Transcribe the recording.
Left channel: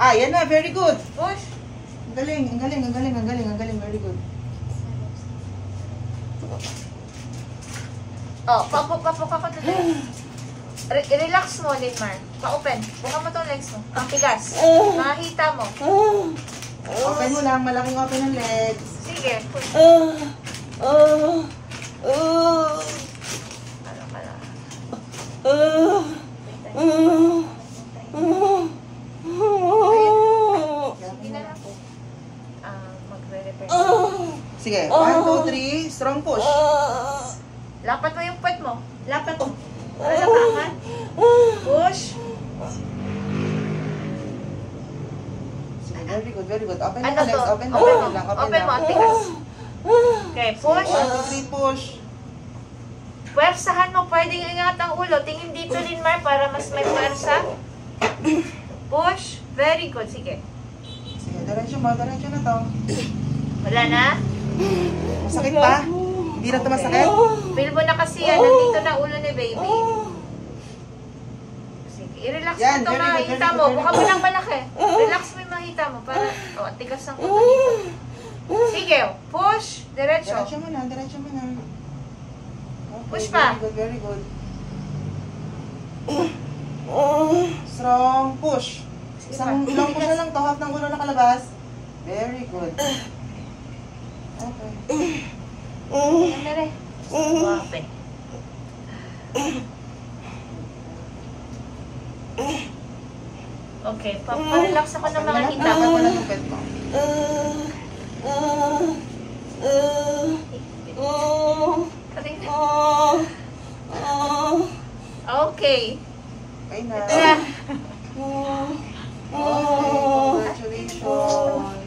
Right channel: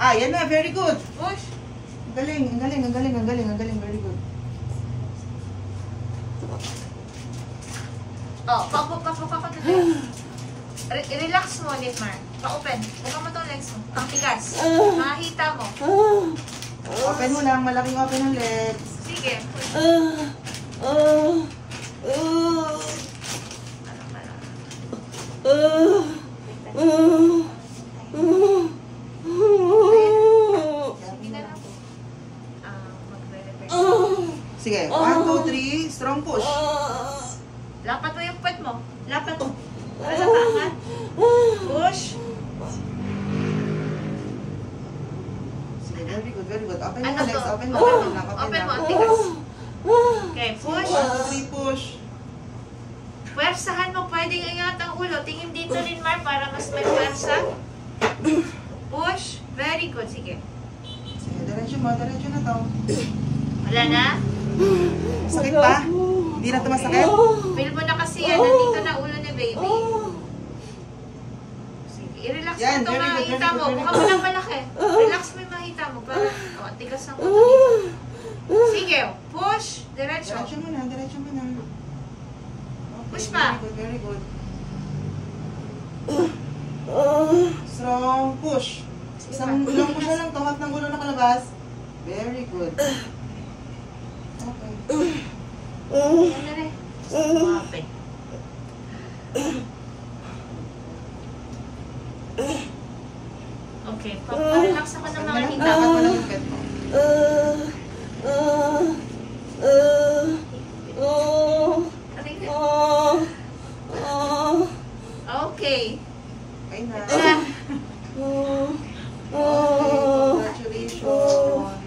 Ah, yan na. Very good. Push. Ang galing, ang galing, ang galing, ang galing, ang galing. Very good. Oh, papok ako today. Relax mo, Litmar. Pa-open. Buka mo itong legs mo. Ang tigas. Makahita mo. Open mo lang. Malaking open ang legs. Sige, push. Ano ka lang. Sige na lang. Magre-repair. Sige. 1, 2, 3. Strong push. Lapat mo yung puwet mo. Lapat mo. Para nakaangat. Push. Sige, very good, very good. Open mo Ano legs. to? Open lang, Open open mo. lang, Open mo. Ang lang. tigas. Okay, push. 1, 2, 3, push. Puwersahan mo. Pwedeng ingat ang ulo. Tingin dito, Linmar, para mas may puwersa. Push. Very good. Sige. Sige, diretso mo. Diretso na to. Wala na? Masakit pa? Hindi na ito masakit? Feel mo na kasi yan. Nandito na ulo ni baby. Sige. I-relax mo Yan, ito. very good, Makita very mo. good, Buka mo very lang malaki. Relax mo yung makita mo. Para, ang tigas ng ulo dito. Sige. Push. Diretso. Diretso mo na, diretso mo na. Okay, Push pa. Very good, very good. Strong push. Ilang push na lang to, half ng ulo nakalabas. Very good. Okay. Yan na rin. Wape. Okay. Pa-relax ako ng mga hita Dapat mo. mo lang yung bed mo. Okay. Okay na. Ito na. Okay, congratulations.